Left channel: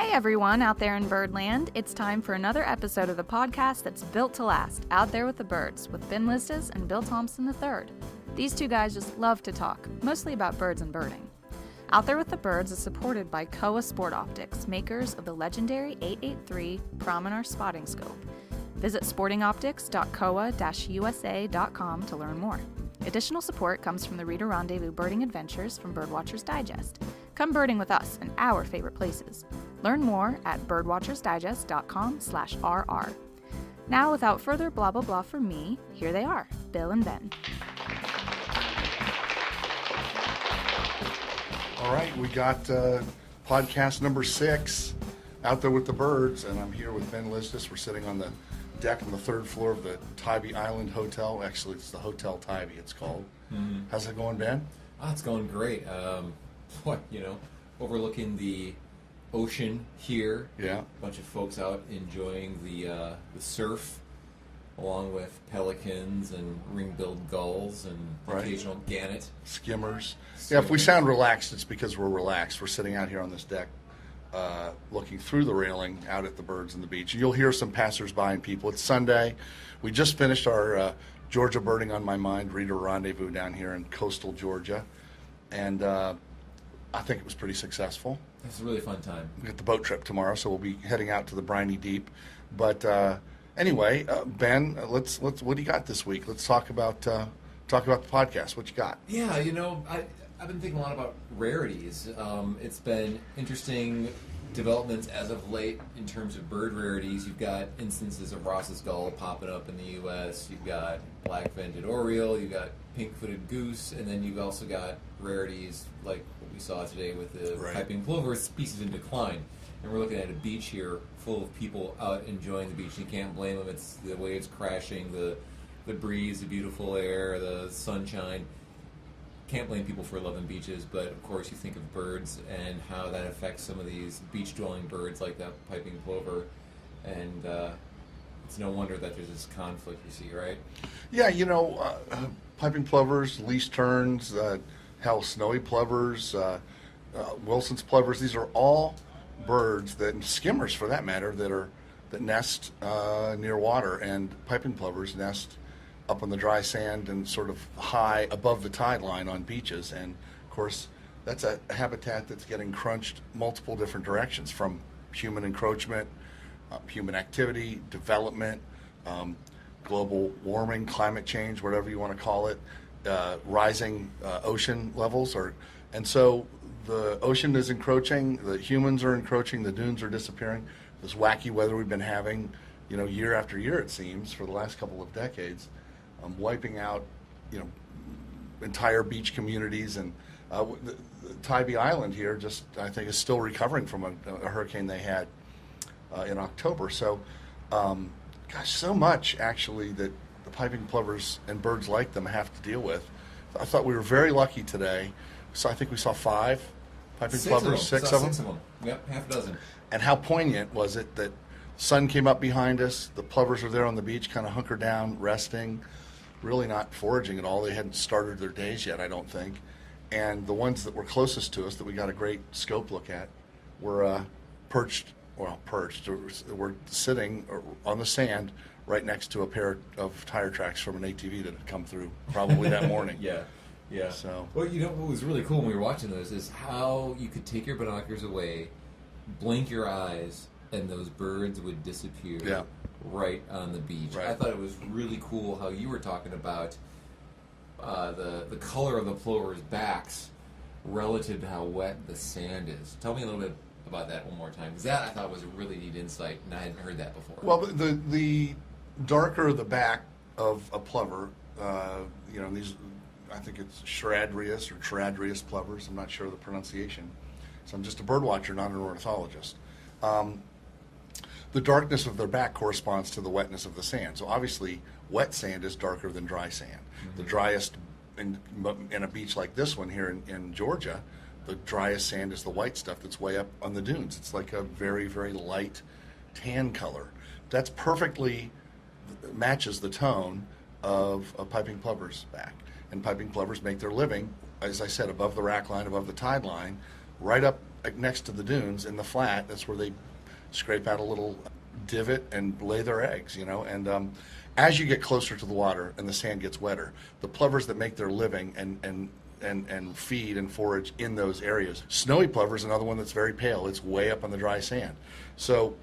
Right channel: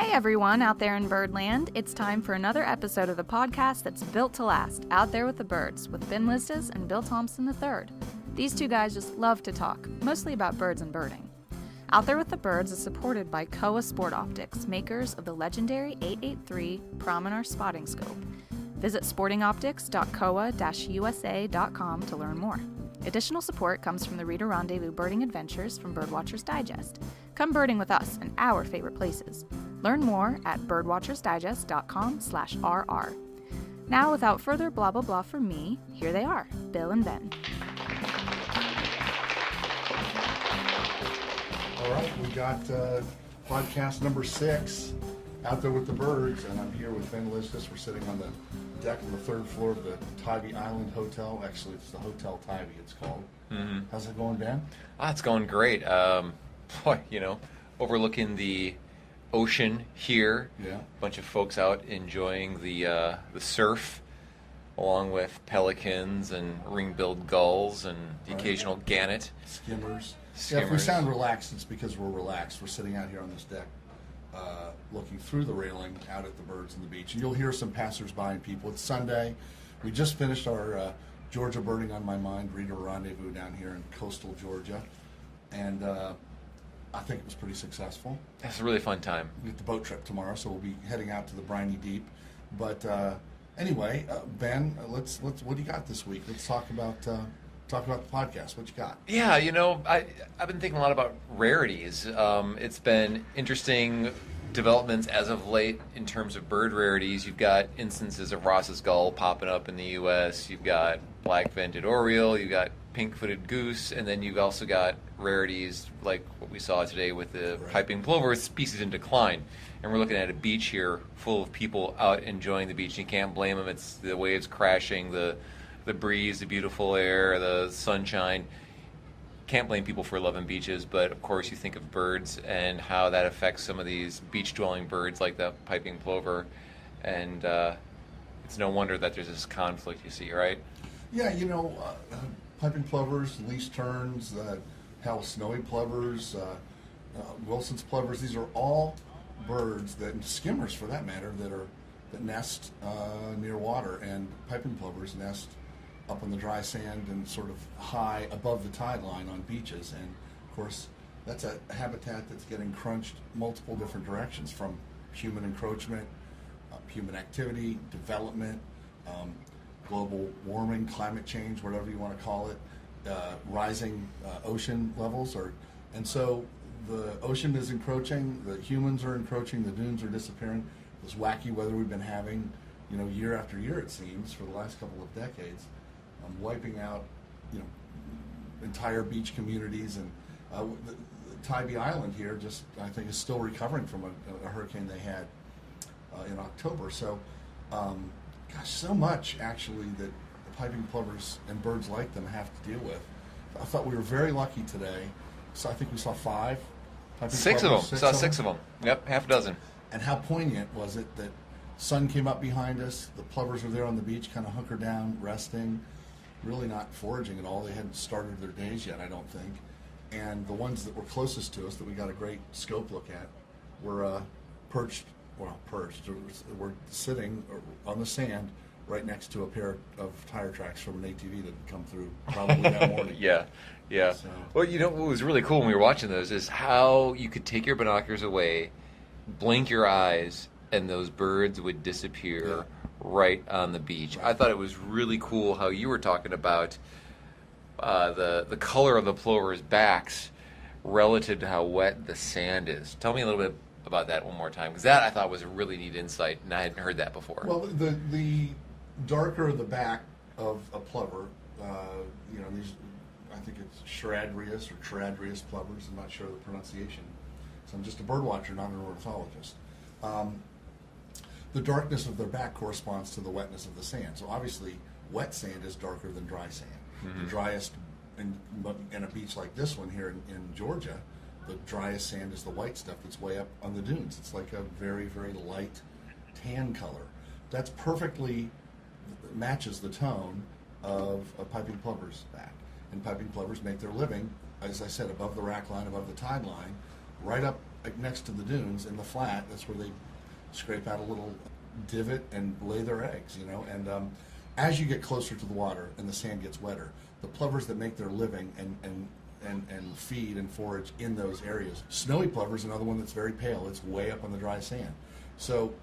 Hey everyone out there in Birdland, it's time for another episode of the podcast that's built to last, Out There with the Birds, with Ben Lizdas and Bill Thompson III. These two guys just love to talk, mostly about birds and birding. Out There with the Birds is supported by Kowa Sport Optics, makers of the legendary 883 Prominar Spotting Scope. Visit sportingoptics.kowa-usa.com to learn more. Additional support comes from the Reader Rendezvous Birding Adventures from Birdwatchers Digest. Come birding with us in our favorite places. Learn more at birdwatchersdigest.com/rr. Now, without further blah blah blah from me, here they are, Bill and Ben. All right, we got podcast number 6, Out There with the Birds, and I'm here with Ben Lizdas. We're sitting on the deck on the 3rd floor of the Tybee Island Hotel. Actually, it's the Hotel Tybee, it's called. Mm-hmm. How's it going, Ben? It's going great. Overlooking the ocean here. Yeah. A bunch of folks out enjoying the surf, along with pelicans and ring-billed gulls and the occasional gannet. Skimmers. Yeah, if we sound relaxed, it's because we're relaxed. We're sitting out here on this deck, looking through the railing out at the birds and the beach. You'll hear some passersby and people. It's Sunday. We just finished our Georgia Birding on My Mind Reader Rendezvous down here in coastal Georgia, and I think it was pretty successful. It's a really fun time. We get the boat trip tomorrow, so we'll be heading out to the briny deep. But anyway, Ben, let's what do you got this week? Let's talk about the podcast. What you got? Yeah, I've been thinking a lot about rarities. It's been interesting developments as of late in terms of bird rarities. You've got instances of Ross's gull popping up in the U.S. You've got black-vented oriole. You've got pink-footed goose, and then you've also got rarities like what we saw today with the piping plover, species in decline. And we're looking at a beach here full of people out enjoying the beach. You can't blame them. It's the waves crashing, the breeze, the beautiful air, the sunshine. Can't blame people for loving beaches, but of course you think of birds and how that affects some of these beach-dwelling birds like the piping plover, and it's no wonder that there's this conflict you see, right? Yeah, piping plovers, least terns, snowy plovers, Wilson's plovers. These are all birds and skimmers, for that matter, that nest near water, and piping plovers nest up on the dry sand and sort of high above the tide line on beaches. And of course, that's a habitat that's getting crunched multiple different directions, from human encroachment, human activity, development, global warming, climate change, whatever you want to call it, rising ocean levels. And so the ocean is encroaching, the humans are encroaching, the dunes are disappearing. This wacky weather we've been having, year after year, it seems, for the last couple of decades, wiping out, entire beach communities. And the Tybee Island here I think, is still recovering from a hurricane they had in October. So, so much, actually, that the piping plovers and birds like them have to deal with. I thought we were very lucky today. So I think we saw 5 piping plovers. 6 of them. Yep, half a dozen. And how poignant was it that sun came up behind us, the plovers were there on the beach, kind of hunkered down, resting, really not foraging at all. They hadn't started their days yet, I don't think. And the ones that were closest to us, that we got a great scope look at, were perched. We're sitting on the sand right next to a pair of tire tracks from an ATV that had come through probably that morning. Yeah. So. Well, what was really cool when we were watching those is how you could take your binoculars away, blink your eyes, and those birds would disappear right on the beach. Right. I thought it was really cool how you were talking about the color of the plovers' backs relative to how wet the sand is. Tell me a little bit about that one more time, because that I thought was a really neat insight, and I hadn't heard that before. Well, the darker the back of a plover, these, I think it's Charadrius or Charadrius plovers. I'm not sure of the pronunciation. So I'm just a bird watcher, not an ornithologist. The darkness of their back corresponds to the wetness of the sand. So obviously, wet sand is darker than dry sand. Mm-hmm. The driest, in a beach like this one here in Georgia, the driest sand is the white stuff that's way up on the dunes. It's like a very, very light tan color. That's perfectly matches the tone of a piping plover's back. And piping plovers make their living, as I said, above the rack line, above the tide line, right up like next to the dunes in the flat. That's where they scrape out a little divot and lay their eggs, you know. And as you get closer to the water and the sand gets wetter, the plovers that make their living and feed and forage in those areas. Snowy plover is another one that's very pale. It's way up on the dry sand. So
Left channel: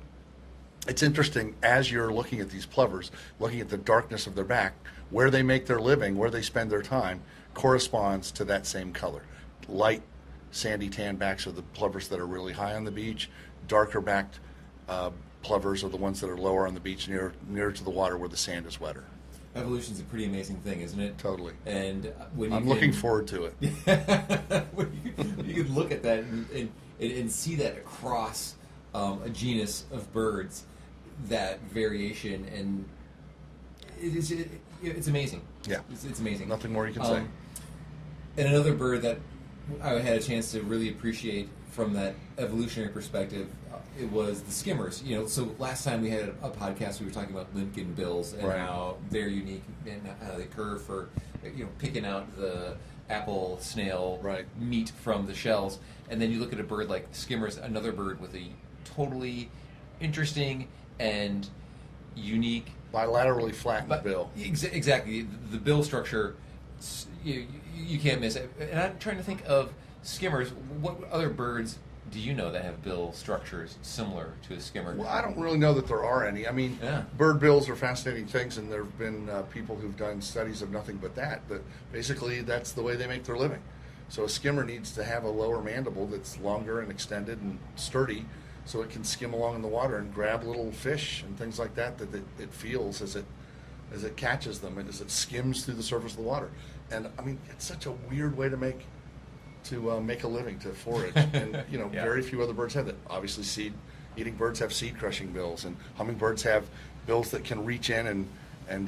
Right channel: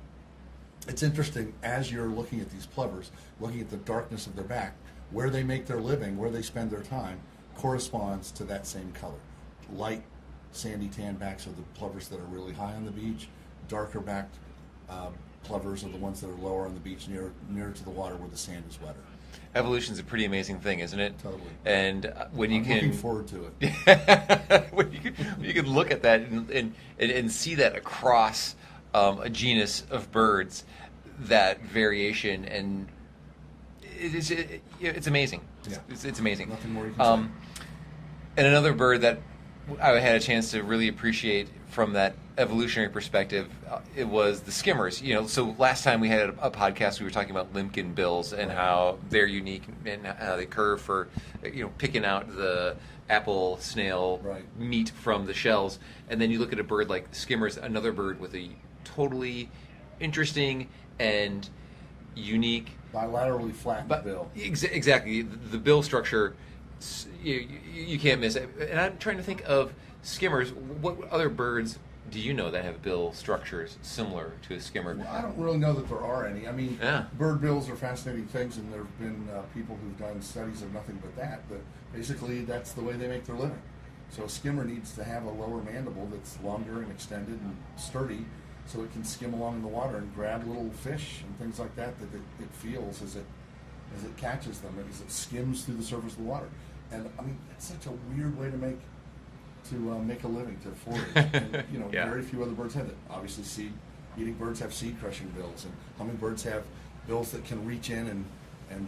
it's interesting as you're looking at these plovers, looking at the darkness of their back, where they make their living, where they spend their time, corresponds to that same color. Light, sandy tan backs are the plovers that are really high on the beach. Darker backed plovers are the ones that are lower on the beach, nearer to the water where the sand is wetter. Evolution's a pretty amazing thing, isn't it? Totally. And when I'm looking forward to it. when you can look at that and see that across a genus of birds, that variation, and it's amazing. Yeah, it's amazing. Nothing more you can say. And another bird that I had a chance to really appreciate from that evolutionary perspective, it was the skimmers. You know, so last time we had a podcast, we were talking about limpkin bills and how they're unique and how they curve for, you know, picking out the apple snail meat from the shells. And then you look at a bird like skimmers, another bird with a totally interesting and unique bilaterally flattened bill. Exactly. The bill structure, you can't miss it. And I'm trying to think of skimmers. What other birds do you know that have bill structures similar to a skimmer? Well, I don't really know that there are any. I mean, bird bills are fascinating things, and there have been people who've done studies of nothing but that. But basically, that's the way they make their living. So a skimmer needs to have a lower mandible that's longer and extended and sturdy, so it can skim along in the water and grab little fish and things like that it feels as it catches them and as it skims through the surface of the water. And I mean, it's such a weird way to make a living, to forage. And you know, very few other birds have it. Obviously, seed-eating birds have seed-crushing bills, and hummingbirds have bills that can reach in and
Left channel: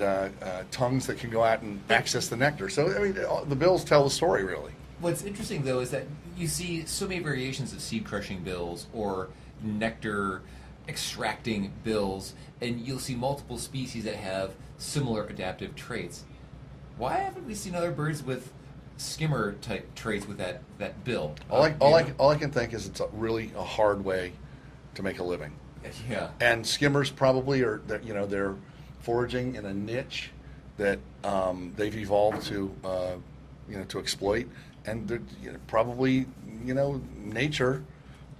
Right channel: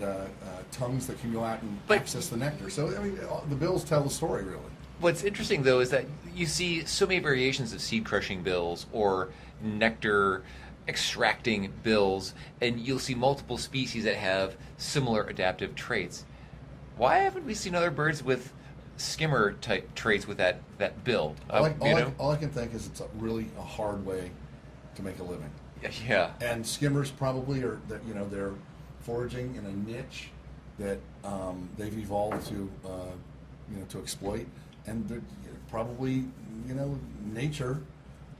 tongues that can go out and access the nectar. So I mean, the bills tell the story, really. What's interesting, though, is that you see so many variations of seed-crushing bills or nectar extracting bills, and you'll see multiple species that have similar adaptive traits. Why haven't we seen other birds with skimmer type traits with that bill? All I can think is it's really a hard way to make a living. Yeah. And skimmers probably they're foraging in a niche that they've evolved to exploit, and probably nature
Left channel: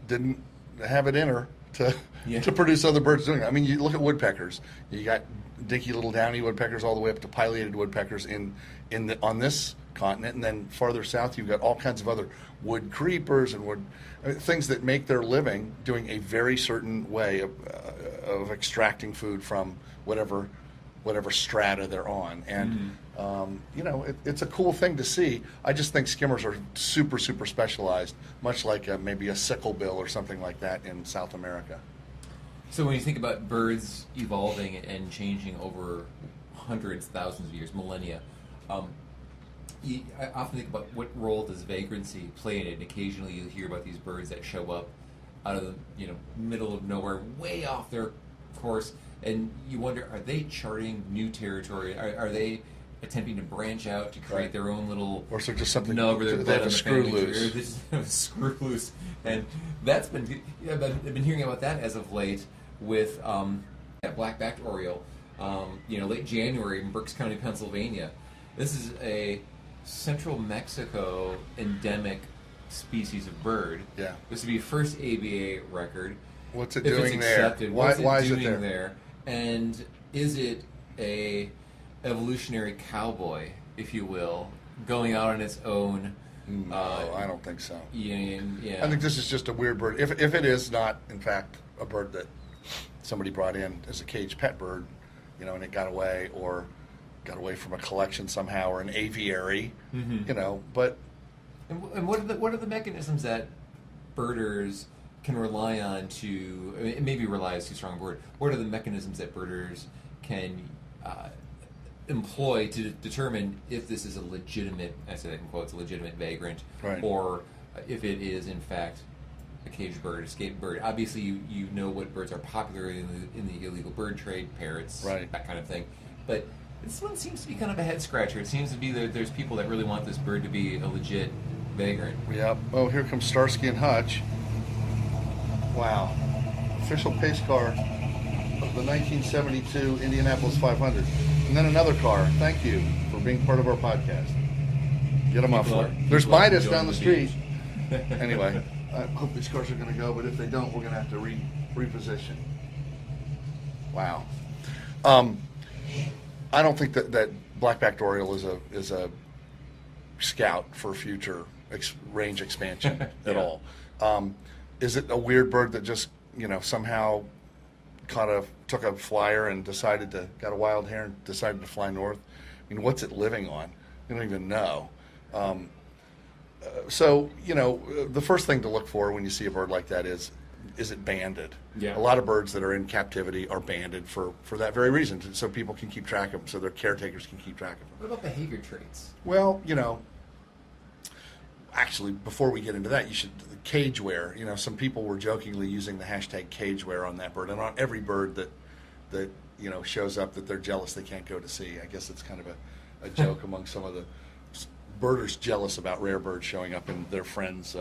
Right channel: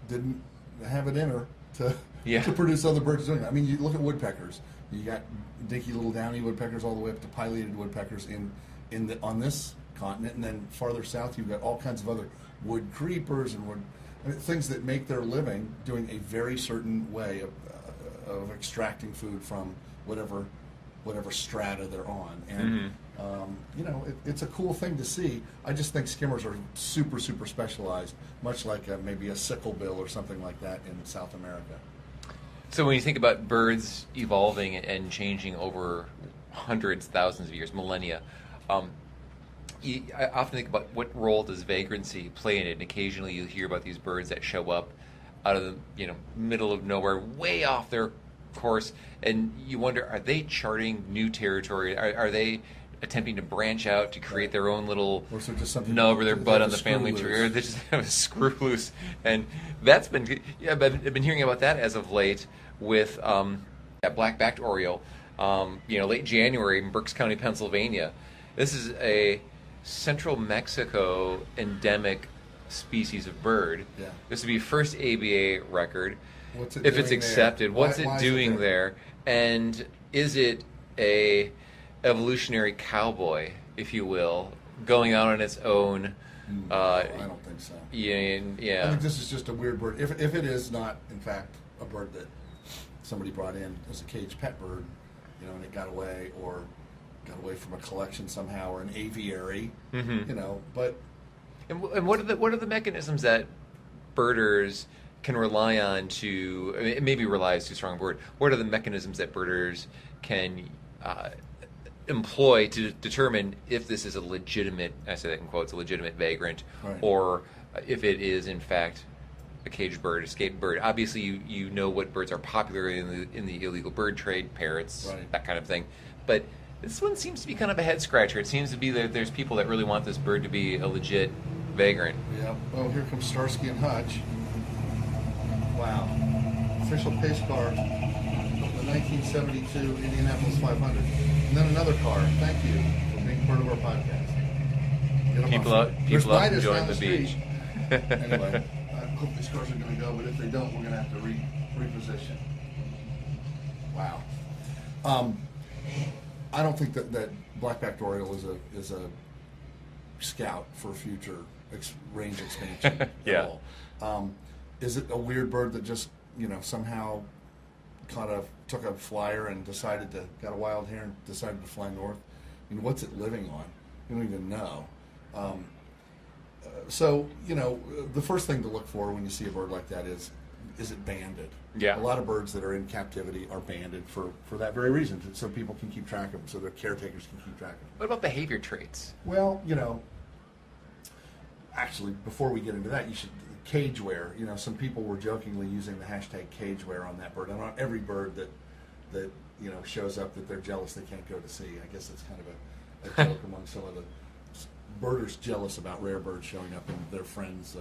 didn't have it in her to produce other birds doing it. I mean, you look at woodpeckers. You got dinky little downy woodpeckers all the way up to pileated woodpeckers on this continent, and then farther south you've got all kinds of other wood creepers and things that make their living doing a very certain way of extracting food from whatever strata they're on. And it's a cool thing to see. I just think skimmers are super, super specialized, much like maybe a sicklebill or something like that in South America. So when you think about birds evolving and changing over hundreds, thousands of years, millennia, I often think about what role does vagrancy play in it. And occasionally you hear about these birds that show up out of the middle of nowhere, way off their course, and you wonder, are they charting new territory? Are they attempting to branch out to create their own little nub or their butt on the family tree, or they just have a screw loose? And that's been, I've been hearing about that as of late with that black-backed oriole. Late January in Berks County, Pennsylvania. This is a central Mexico endemic species of bird. Yeah. This would be first ABA record. What's it if doing it's accepted, there? what's Why it doing there? And is it a evolutionary cowboy, if you will, going out on its own? No, I don't think so. Yeah. I think this is just a weird bird. If it is not, in fact, a bird that somebody brought in as a caged pet bird, and it got away from a collection somehow, or an aviary, but. And what are the mechanisms that birders can rely on to? I mean, maybe rely is too strong a word. What are the mechanisms that birders can employ to determine if this is a legitimate, I say that in quotes, a legitimate vagrant, or if it is in fact a caged bird, escaped bird? Obviously, you know what birds are popular in the illegal bird trade, parrots, that kind of thing, but. This one seems to be kind of a head scratcher. It seems to be that there's people that really want this bird to be a legit vagrant. Yeah. Oh, here comes Starsky and Hutch. Wow. Official pace car of the 1972 Indianapolis 500. And then another car. Thank you for being part of our podcast. Get them There's Midas down the street. Anyway, I hope these cars are going to go, but if they don't, we're going to have to reposition. Wow. I don't think that blackbacked oriole is a scout for future range expansion at all. Is it a weird bird that just somehow took a flyer and got a wild hair and decided to fly north? I mean, what's it living on? You don't even know. So the first thing to look for when you see a bird like that is it banded? Yeah. A lot of birds that are in captivity are banded for that very reason, so people can keep track of them, so their caretakers can keep track of them. What about behavior traits? Well, actually, before we get into that, you should cage wear. Some people were jokingly using the hashtag cage wear on that bird, and on every bird that shows up that they're jealous they can't go to see. I guess it's kind of a joke among some of the birders jealous about rare birds showing up in their friends'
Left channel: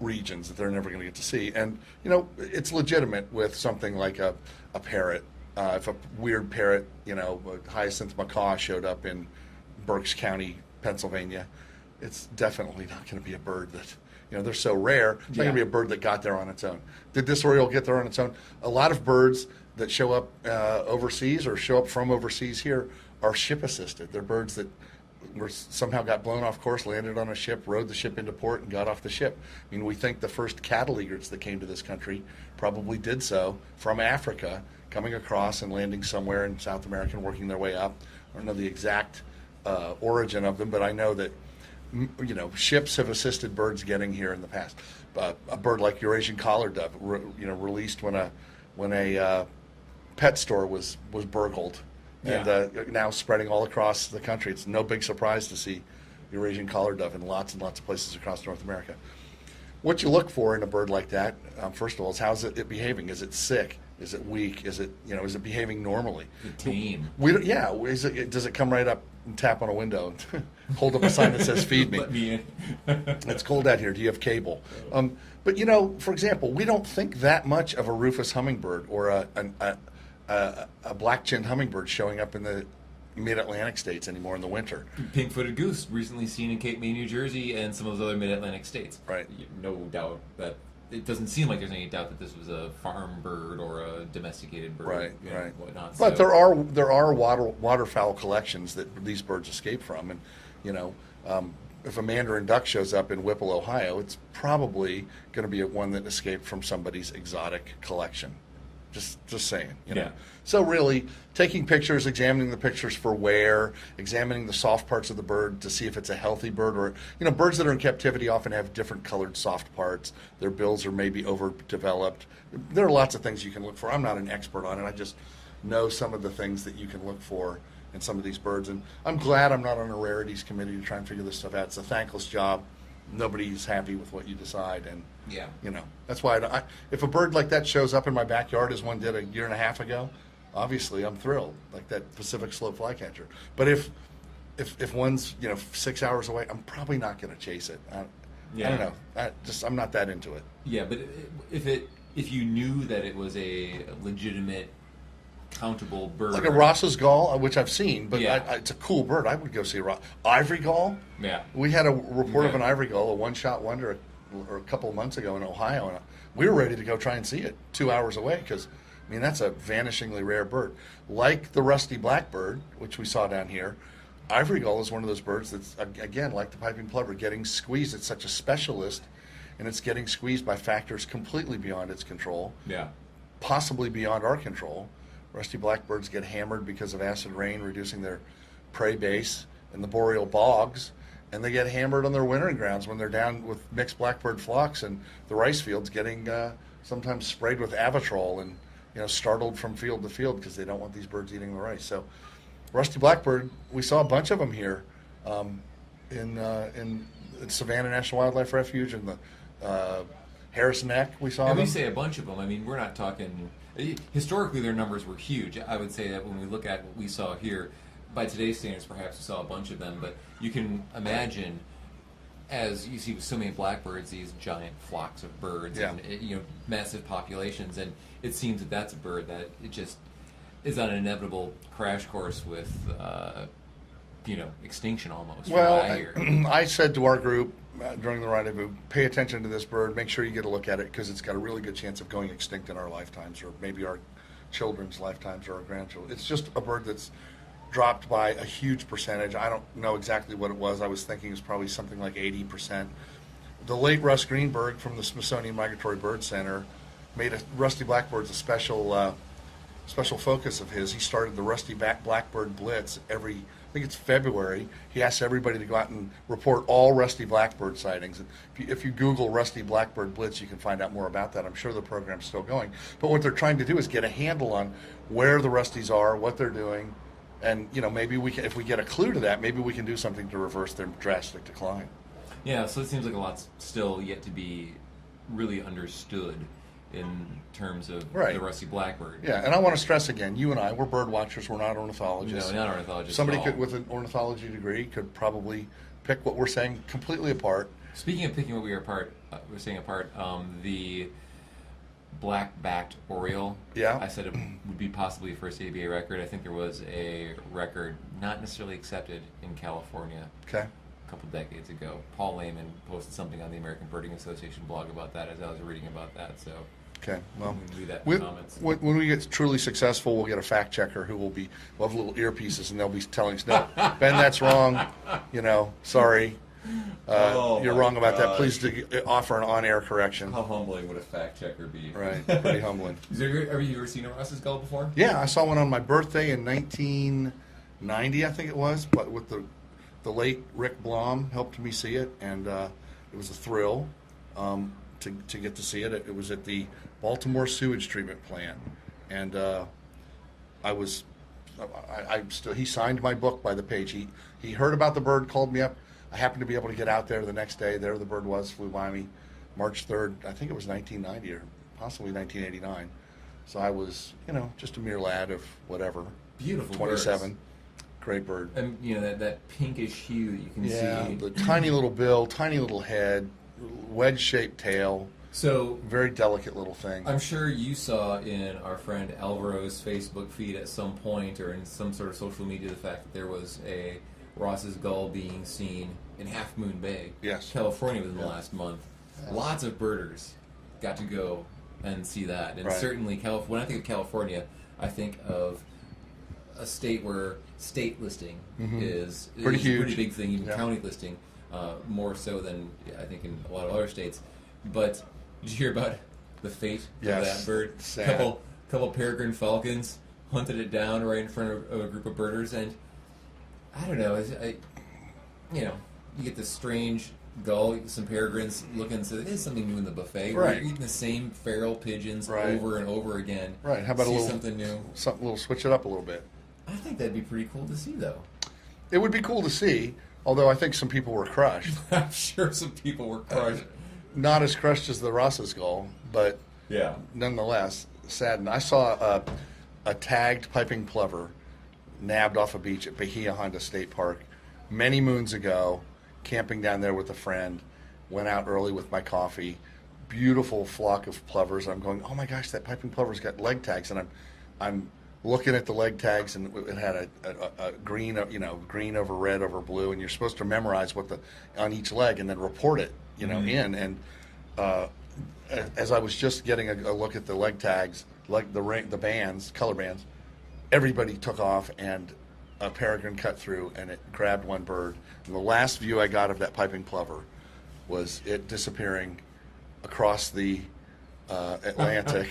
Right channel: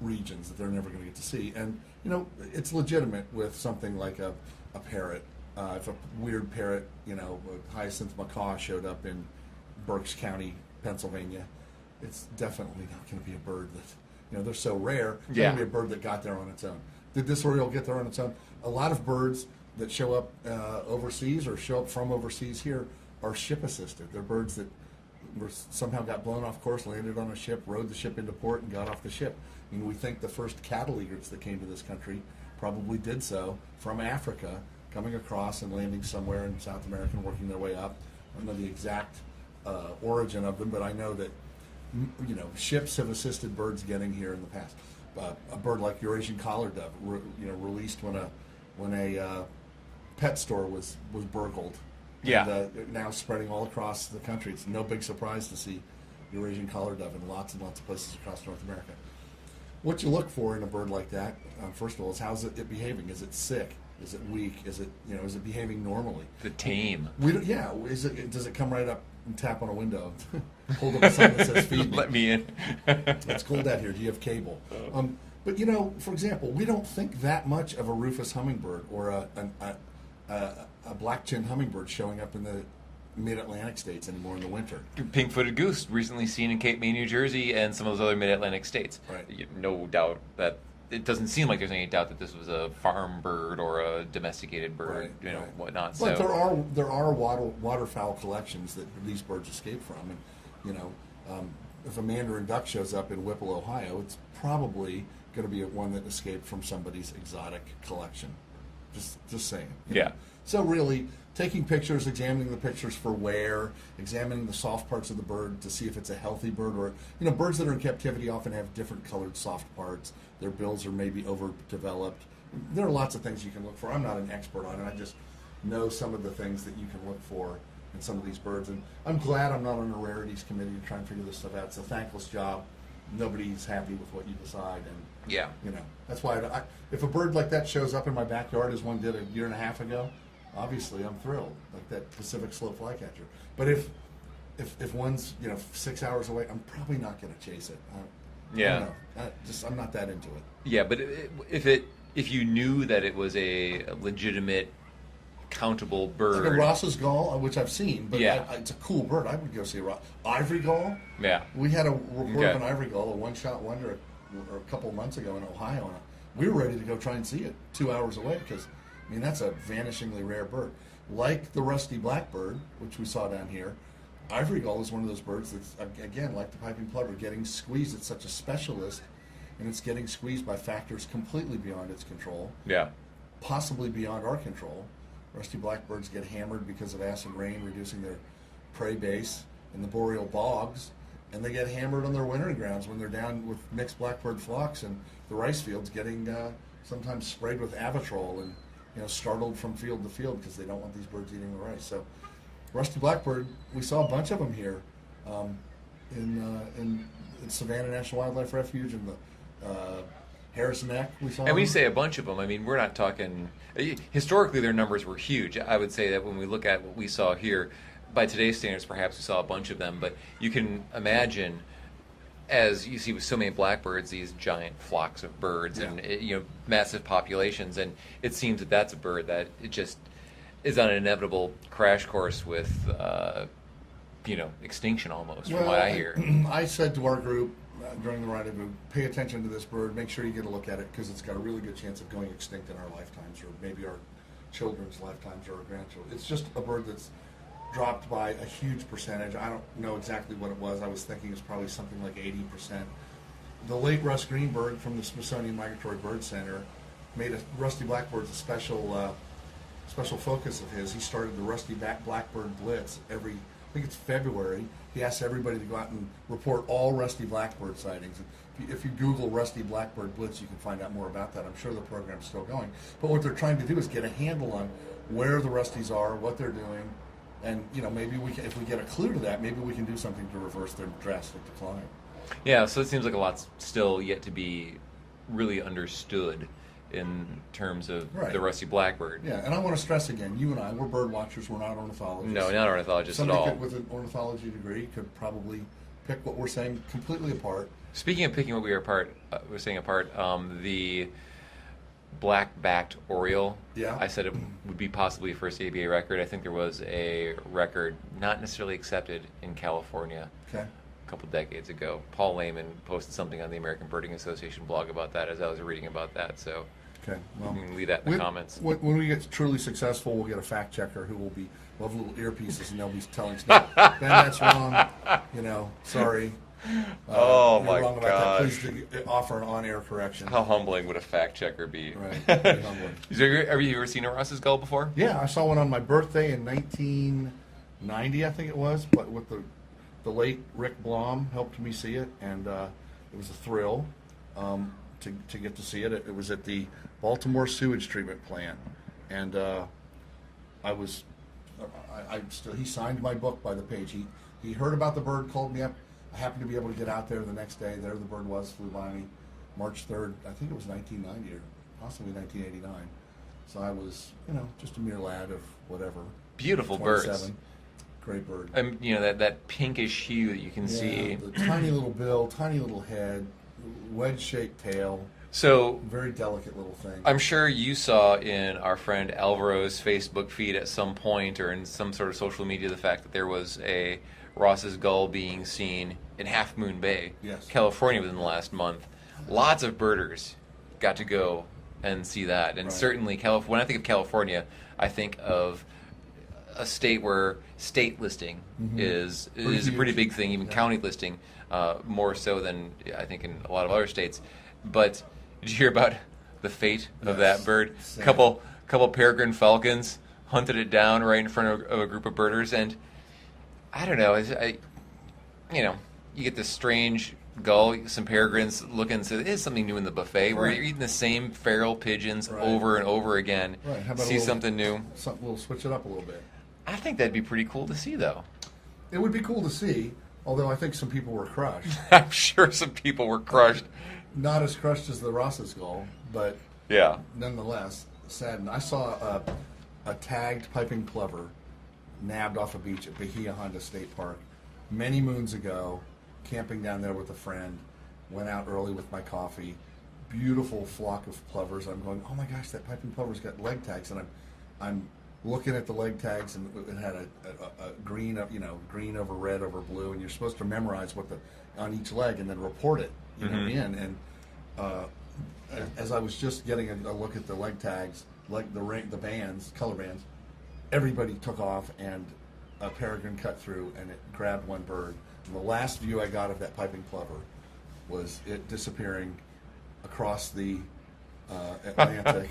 regions that they're never going to get to see. And it's legitimate with something like a parrot. If a weird parrot, a hyacinth macaw showed up in Berks County, Pennsylvania, it's definitely not going to be a bird that, they're so rare. It's not going to be a bird that got there on its own. Did this oriole get there on its own? A lot of birds that show up overseas or show up from overseas here are ship assisted. They're birds that somehow got blown off course, landed on a ship, rode the ship into port, and got off the ship. I mean, we think the first cattle egrets that came to this country probably did so from Africa, coming across and landing somewhere in South America and working their way up. I don't know the exact origin of them, but I know that ships have assisted birds getting here in the past. A bird like Eurasian collared dove, released when a pet store was burgled. Yeah. And now spreading all across the country. It's no big surprise to see Eurasian collared dove in lots and lots of places across North America. What you look for in a bird like that, first of all, is how's it behaving? Is it sick? Is it weak? Is it behaving normally? The tame. Does it come right up and tap on a window and hold up a sign that says "Feed me"? Let me in. It's cold out here. Do you have cable? But for example, we don't think that much of a rufous hummingbird or a black-chinned hummingbird showing up in the mid-Atlantic states anymore in the winter. Pink-footed goose, recently seen in Cape May, New Jersey, and some of those other mid-Atlantic states. Right. No doubt that it doesn't seem like there's any doubt that this was a farm bird or a domesticated bird, right. Whatnot. But there are waterfowl collections that these birds escape from, and if a mandarin duck shows up in Whipple, Ohio, it's probably going to be one that escaped from somebody's exotic collection. Just saying. Yeah. So really, taking pictures, examining the pictures for wear, examining the soft parts of the bird to see if it's a healthy bird, or birds that are in captivity often have different colored soft parts. Their bills are maybe overdeveloped. There are lots of things you can look for. I'm not an expert on it. I just know some of the things that you can look for in some of these birds, and I'm glad I'm not on a rarities committee to try and figure this stuff out. It's a thankless job. Nobody's happy with what you decide, and that's why if a bird like that shows up in my backyard as one did a year and a half ago, obviously I'm thrilled, like that Pacific slow flycatcher. But if one's 6 hours away, I'm probably not going to chase it. I don't know. I'm not that into it. Yeah, but if you knew that it was a legitimate, countable bird, like a Ross's gull, which I've seen, but it's a cool bird. I would go see a ivory gull. Yeah, we had a report of an ivory gull, a one-shot wonder, or a couple of months ago in Ohio, and we were ready to go try and see it 2 hours away because, that's a vanishingly rare bird. Like the rusty blackbird, which we saw down here, ivory gull is one of those birds that's, again, like the piping plover, getting squeezed. It's such a specialist, and it's getting squeezed by factors completely beyond its control. Yeah, possibly beyond our control. Rusty blackbirds get hammered because of acid rain, reducing their prey base in the boreal bogs, and they get hammered on their wintering grounds when they're down with mixed blackbird flocks and the rice fields getting sometimes sprayed with Avitrol and startled from field to field because they don't want these birds eating the rice. So rusty blackbird, we saw a bunch of them here in Savannah National Wildlife Refuge and the Harris Neck. We saw. And we say a bunch of them. We're not talking. Historically, their numbers were huge. I would say that when we look at what we saw here, by today's standards, perhaps we saw a bunch of them. But you can imagine as you see with so many blackbirds, these giant flocks of birds and massive populations, and it seems that that's a bird that it just is on an inevitable crash course with extinction almost, from what I hear. I said to our group during the rendezvous, pay attention to this bird, make sure you get a look at it, because it's got a really good chance of going extinct in our lifetimes, or maybe our children's lifetimes, or our grandchildren. It's just a bird that's dropped by a huge percentage. I don't know exactly what it was. I was thinking it's probably something like 80%. The late Russ Greenberg from the Smithsonian Migratory Bird Center made rusty blackbirds a special focus of his. He started the Rusty Blackbird Blitz every, I think it's February. He asks everybody to go out and report all rusty blackbird sightings. If you Google Rusty Blackbird Blitz, you can find out more about that. I'm sure the program's still going. But what they're trying to do is get a handle on where the rusties are, what they're doing, and maybe we can, if we get a clue to that, maybe we can do something to reverse their drastic decline. Yeah, so it seems like a lot's still yet to be really understood in terms of the rusty blackbird. Yeah, and I want to stress again, you and I, we're bird watchers, we're not ornithologists. No, not ornithologists Somebody at all. with an ornithology degree could probably pick what we're saying completely apart. Speaking of picking what we're saying apart, the black-backed oriole, I said it would be possibly a first ABA record. I think there was a record not necessarily accepted in California a couple decades ago. Paul Lehman posted something on the American Birding Association blog about that as I was reading about that, so well, leave that in the comments. When we get truly successful, we'll get a fact checker who we'll have little earpieces, and they'll be telling us, no, Ben, that's wrong, sorry. You're wrong about that. Please offer an on-air correction. How humbling would a fact checker be? Right, pretty humbling. Have you ever seen a Ross's gull before? Yeah, I saw one on my birthday in 1990, I think it was, but with the late Rick Blom helped me see it, and it was a thrill to get to see it. It was at the Baltimore sewage treatment plant, and he signed my book by the page. He heard about the bird, called me up. I happened to be able to get out there the next day. There the bird was, flew by me, March 3rd, I think it was 1990 or possibly 1989. So I was, just a mere lad of whatever. Beautiful 27. Birds. Great bird. That pinkish hue that you can see. The tiny little bill, tiny little head, wedge-shaped tail. So very delicate little thing. I'm sure you saw in our friend Alvaro's Facebook feed at some point, or in some sort of social media, the fact that there was a Ross's gull being seen in Half Moon Bay, California, within the last month. Lots of birders got to go and see that, and certainly when I think of California, I think of a state where state listing is a pretty big thing, even county listing, more so than I think in a lot of other states. But did you hear about the fate of that bird? A couple peregrine falcons hunted it down right in front of a group of birders, and I don't know. You get this strange gull, some peregrines looking and say, there's something new in the buffet. Where you're eating the same feral pigeons over and over again. Right. How about something new? We'll switch it up a little bit. I think that'd be pretty cool to see, though. It would be cool to see, although I think some people were crushed. I'm sure some people were crushed. Not as crushed as the Ross's gull, but nonetheless saddened. I saw a tagged piping plover nabbed off a beach at Bahia Honda State Park many moons ago, camping down there with a friend. Went out early with my coffee. Beautiful flock of plovers. I'm going, oh my gosh, that piping plover's got leg tags, and I'm looking at the leg tags, and it had a green, green over red over blue, and you're supposed to memorize what on each leg and then report it, in. And as I was just getting a look at the leg tags, like the bands, color bands, everybody took off, and a peregrine cut through, and it grabbed one bird. And the last view I got of that piping plover was it disappearing across the Atlantic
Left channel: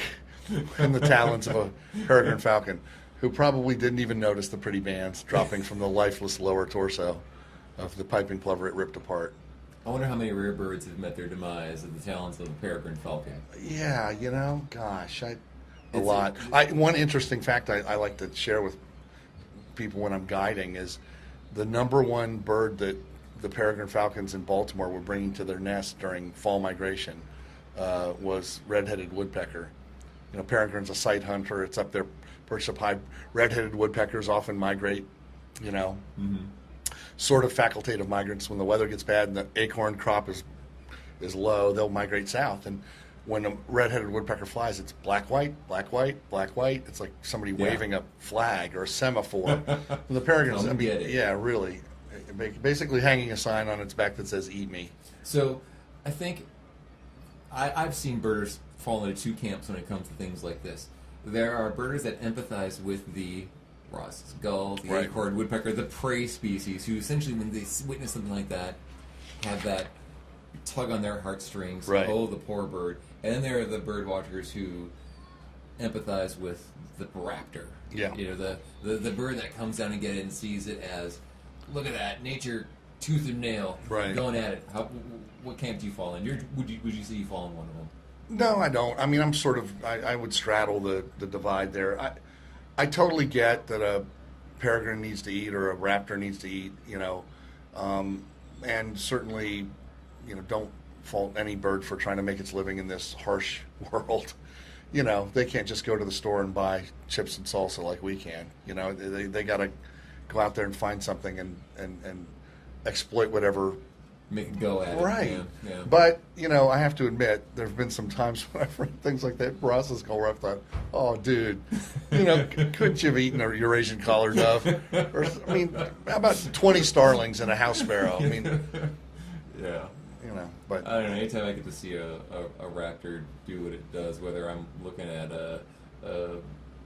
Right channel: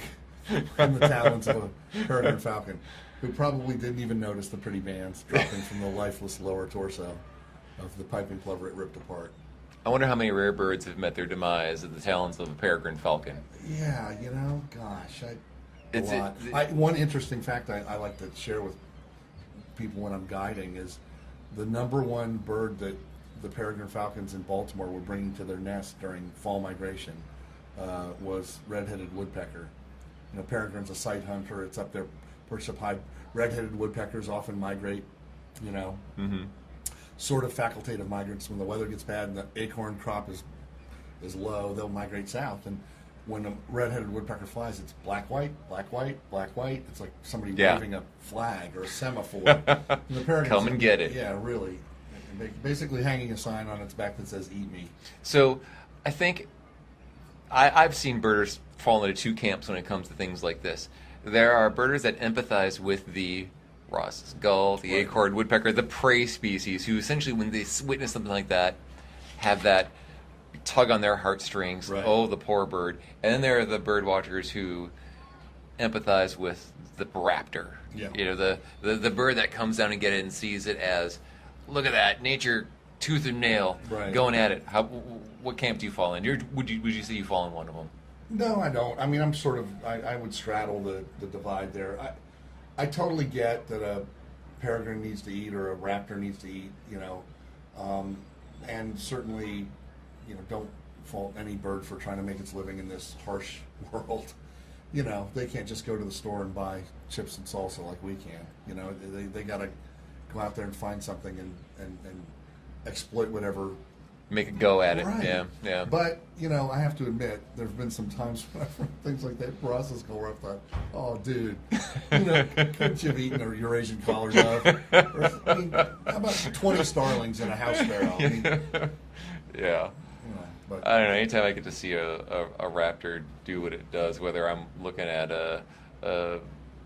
in the talons of a peregrine falcon, who probably didn't even notice the pretty bands dropping from the lifeless lower torso of the piping plover it ripped apart. I wonder how many rare birds have met their demise at the talons of a peregrine falcon. Yeah, gosh, a lot. One interesting fact I like to share with people when I'm guiding is the number one bird that the peregrine falcons in Baltimore were bringing to their nest during fall migration was red-headed woodpecker. Peregrine's a sight hunter. It's up there, perched up high. Red-headed woodpeckers often migrate, sort of facultative migrants. When the weather gets bad and the acorn crop is low, they'll migrate south. And when a red-headed woodpecker flies, it's black, white, black, white, black, white. It's like somebody waving a flag or a semaphore. The peregrine, come and get it. Yeah, really. Basically hanging a sign on its back that says "Eat me." So, I think I've seen birders fall into two camps when it comes to things like this. There are birders that empathize with the Ross's gull, the acorn woodpecker, the prey species, who essentially, when they witness something like that, have that tug on their heartstrings. Right. Oh, the poor bird. And then there are the bird watchers who empathize with the raptor. Yeah. You know, the bird that comes down and gets it and sees it as, look at that, nature, tooth and nail, going at it. What camp do you fall in? Would you say you fall in one of them? No, I don't. I mean, I'm sort of, I would straddle the divide there. I totally get that a peregrine needs to eat or a raptor needs to eat, you know, and certainly, you know, don't fault any bird for trying to make its living in this harsh world. You know, they can't just go to the store and buy chips and salsa like we can. You know, they got to go out there and find something and exploit whatever. Make a go at it. Right. Yeah. But, you know, I have to admit, there have been some times when I've read things like that Ross's gull where I thought, oh, dude, you know, couldn't you have eaten a Eurasian collar dove? Or, I mean, how about 20 starlings and a house sparrow? I mean, yeah. You know, but I don't know. Anytime I get to see a raptor do what it does, whether I'm looking at a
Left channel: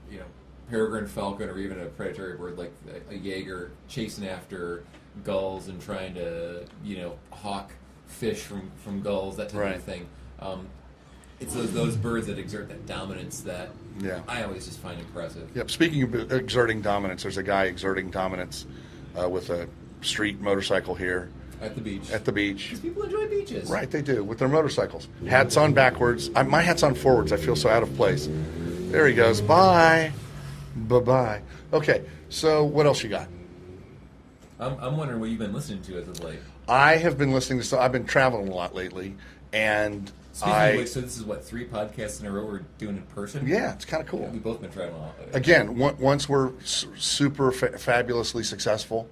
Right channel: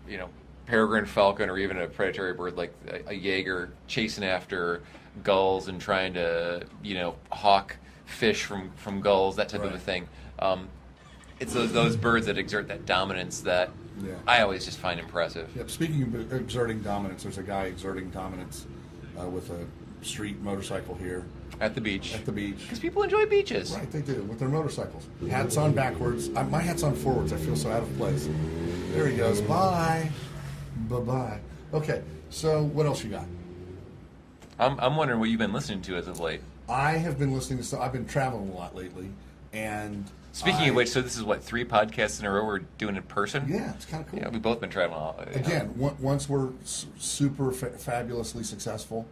you know, peregrine falcon or even a predatory bird like a Jaeger chasing after gulls and trying to, you know, hawk fish from gulls, that type of a thing. It's those birds that exert that dominance that I always just find impressive. Yep. Speaking of exerting dominance, there's a guy exerting dominance with a street motorcycle here. At the beach. At the beach. Because people enjoy beaches. Right, they do, with their motorcycles. Hats on backwards. My hat's on forwards. I feel so out of place. There he goes. Bye. Bye-bye. Okay, so what else you got? I'm wondering what you've been listening to as of late. I have been listening to I've been traveling a lot lately, and Speaking of which, so this is what, 3 podcasts in a row we're doing in person? Yeah, it's kind of cool. Yeah, we've both been traveling a lot. Again, once we're super fabulously successful,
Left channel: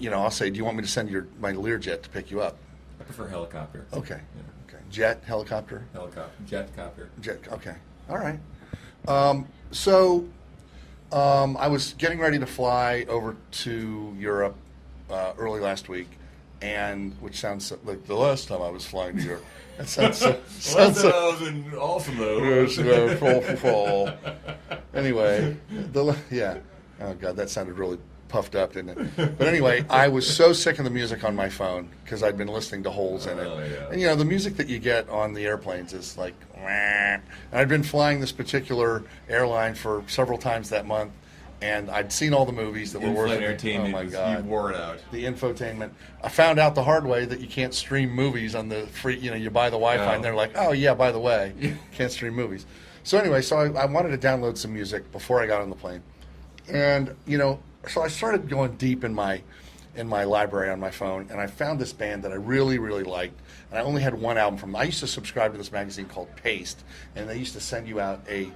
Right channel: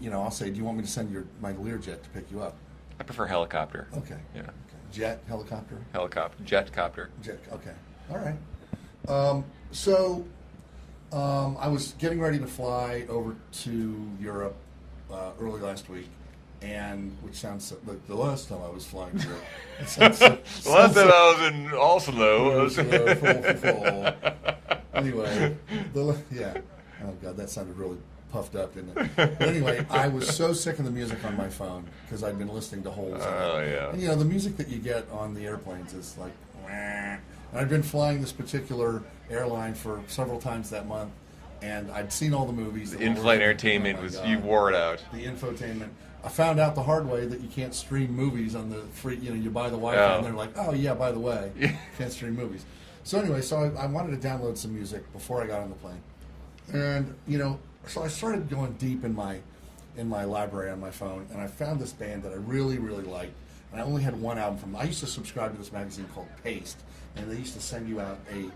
you know, I'll say, do you want me to send my Learjet to pick you up? I prefer helicopter. Okay. Yeah. Okay. Jet, helicopter? Helicopter. Jetcopter. Jet, okay. All right. I was getting ready to fly over to Europe early last week, and which sounds like the last time I was flying to Europe. That sounds the last time I was in Oslo. Anyway, yeah. Oh God, that sounded really puffed up, didn't it? But anyway, I was so sick of the music on my phone because I'd been listening to holes in it. Oh yeah. And you know, the music that you get on the airplanes is like, and I'd been flying this particular airline for several times that month, and I'd seen all the movies. The in-flight entertainment you wore it out. The infotainment. I found out the hard way that you can't stream movies on the free. You know, you buy the Wi-Fi, and they're like, oh yeah, by the way, can't stream movies. So anyway, I wanted to download some music before I got on the plane, and you know. So I started going deep in my library on my phone, and I found this band that I really, really liked. And I only had one album from them. I used to subscribe to this magazine called Paste, and they used to send you out a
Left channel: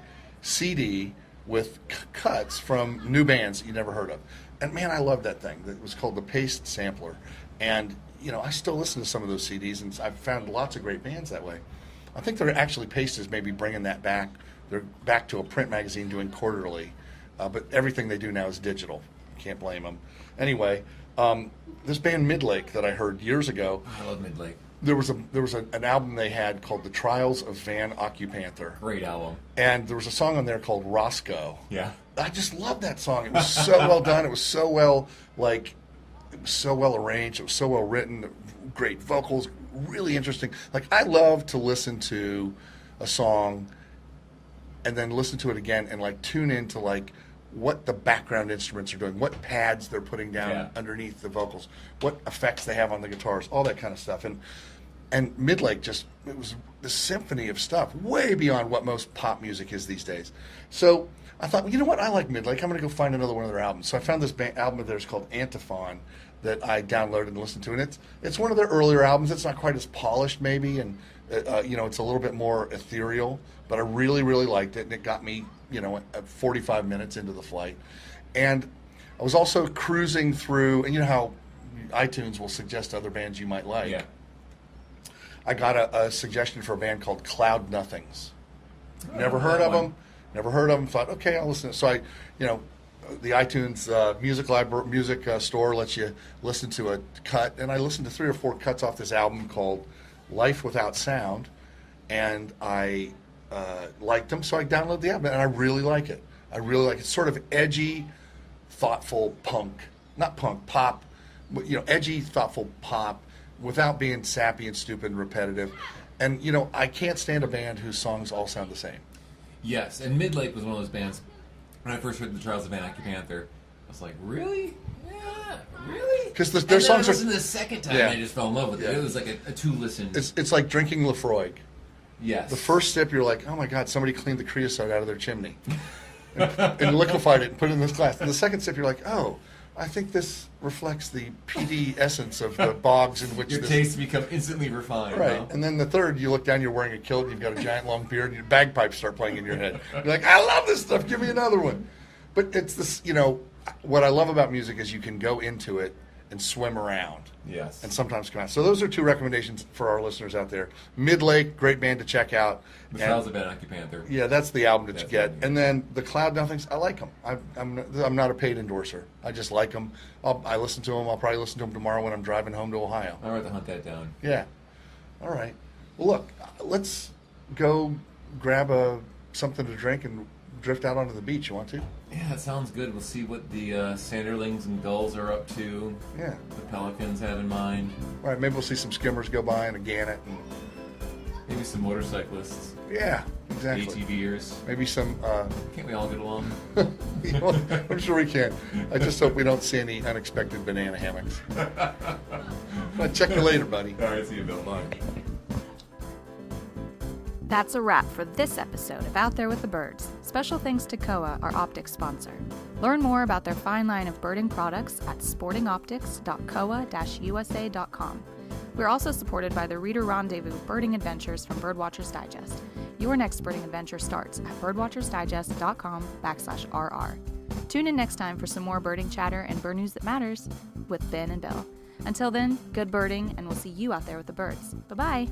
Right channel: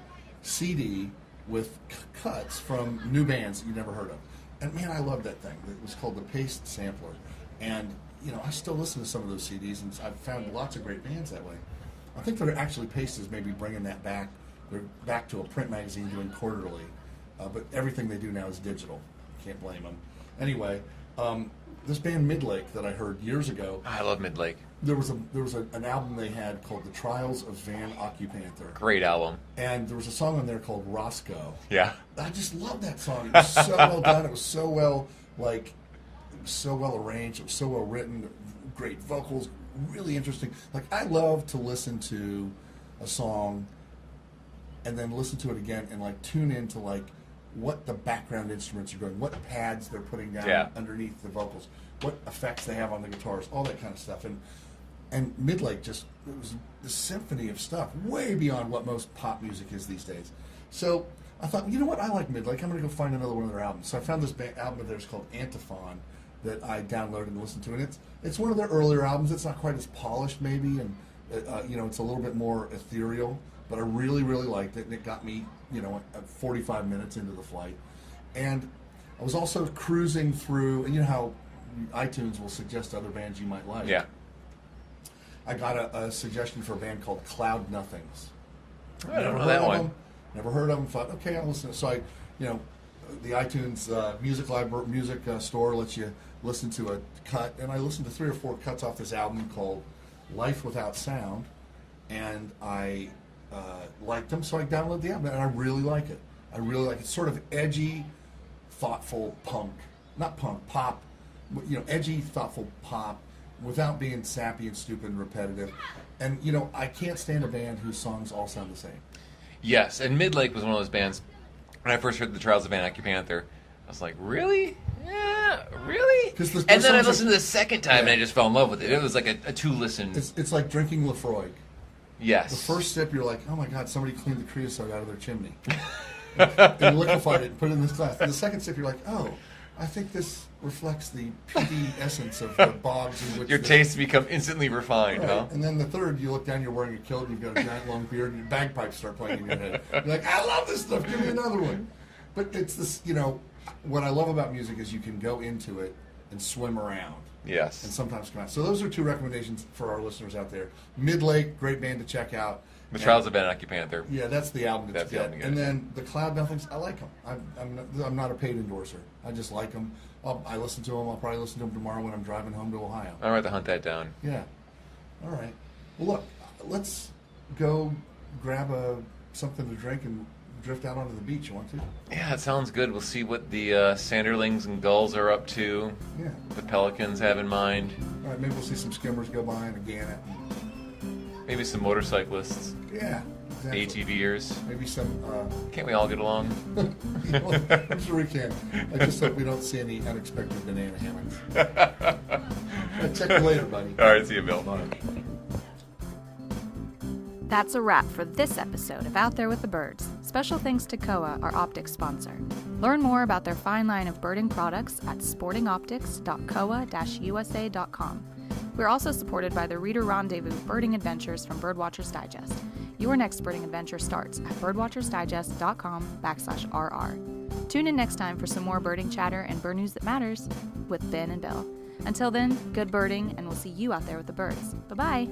CD with cuts from new bands that you never heard of. And man, I loved that thing. It was called the Paste Sampler. And you know, I still listen to some of those CDs, and I've found lots of great bands that way. I think they're actually Paste is maybe bringing that back. They're back to a print magazine doing quarterly, but everything they do now is digital. Can't blame them. Anyway, this band Midlake that I heard years ago. I love Midlake. There was an album they had called The Trials of Van Occupanther. Great album. And there was a song on there called Roscoe. Yeah. I just loved that song. It was so well done. It was so well arranged. It was so well written. Great vocals. Really interesting. Like, I love to listen to a song and then listen to it again and like tune into like what the background instruments are doing, what pads they're putting down underneath the vocals, what effects they have on the guitars, all that kind of stuff. And Midlake it was the symphony of stuff, way beyond what most pop music is these days. So I thought, well, you know what, I like Midlake. I'm going to go find another one of their albums. So I found this album of theirs called Antiphon that I downloaded and listened to, and it's one of their earlier albums. It's not quite as polished, maybe, and you know, it's a little bit more ethereal. But I really, really liked it, and it got me, you know, at 45 minutes into the flight. And I was also cruising through, and you know how iTunes will suggest other bands you might like. Yeah. I got a suggestion for a band called Cloud Nothings. I Never don't know heard that of one. them. Never heard of them. Thought, okay, I'll listen. So the iTunes music store lets you listen to a cut, and I listened to 3 or 4 cuts off this album called Life Without Sound, and I liked them, so I downloaded the album, and I really like it. I really like it. It's sort of edgy, thoughtful punk, not punk, pop, edgy, thoughtful pop, without being sappy and stupid and repetitive. And I can't stand a band whose songs all sound the same. Yes, and Midlake was one of those bands. When I first heard the Trials of Van Panther, I was like, really? Yeah, really? 'Cause their and then I songs are- listened the second time, and Yeah. I just fell in love with it. It was like a 2-listen. It's like drinking Lefroy. Yes. The first sip, you're like, oh my God, somebody cleaned the creosote out of their chimney and liquefied it and put it in this glass. And the second sip, you're like, oh, I think this reflects the peaty essence of the bogs in which Your this- tastes become instantly refined, Right. huh? And then the third, you look down, you're wearing a kilt, you've got a giant long beard, and your bagpipes start playing in your head. You're like, I love this stuff, give me another one. But it's this, what I love about music is you can go into it and swim around. Yes. And sometimes come out. So those are 2 recommendations for our listeners out there. Midlake, great band to check out. The And- Trials of Van Panther. Yeah, that's the album that That's you the get. album you And get. then the Cloud Nothings, I like them. I'm not a paid endorser. I just like them. I listen to them. I'll probably listen to them tomorrow when I'm driving home to Ohio. I'll have to hunt that down. Yeah. All right. Well, look, let's go grab something to drink and drift out onto the beach. You want to? Yeah, it sounds good. We'll see what the sanderlings and gulls are up to. Yeah. The pelicans have in mind. All right. Maybe we'll see some skimmers go by and a gannet. Maybe some motorcyclists, Yeah. Exactly. ATVers. Maybe some. Can't we all get along? I'm sure we can. I just hope we don't see any unexpected banana hammocks. Check you later, buddy. All right, see you, Bill. Bye. That's a wrap for this episode of Out There with the Birds. Special thanks to Koa, our optics sponsor. Learn more about their fine line of birding products at sportingoptics.koa-usa.com. We're also supported by the Reader Rendezvous Birding Adventures from Birdwatchers Digest. Your next birding adventure starts at birdwatchersdigest.com/RR. Tune in next time for some more birding chatter and bird news that matters with Ben and Bill. Until then, good birding, and we'll see you out there with the birds. Bye-bye.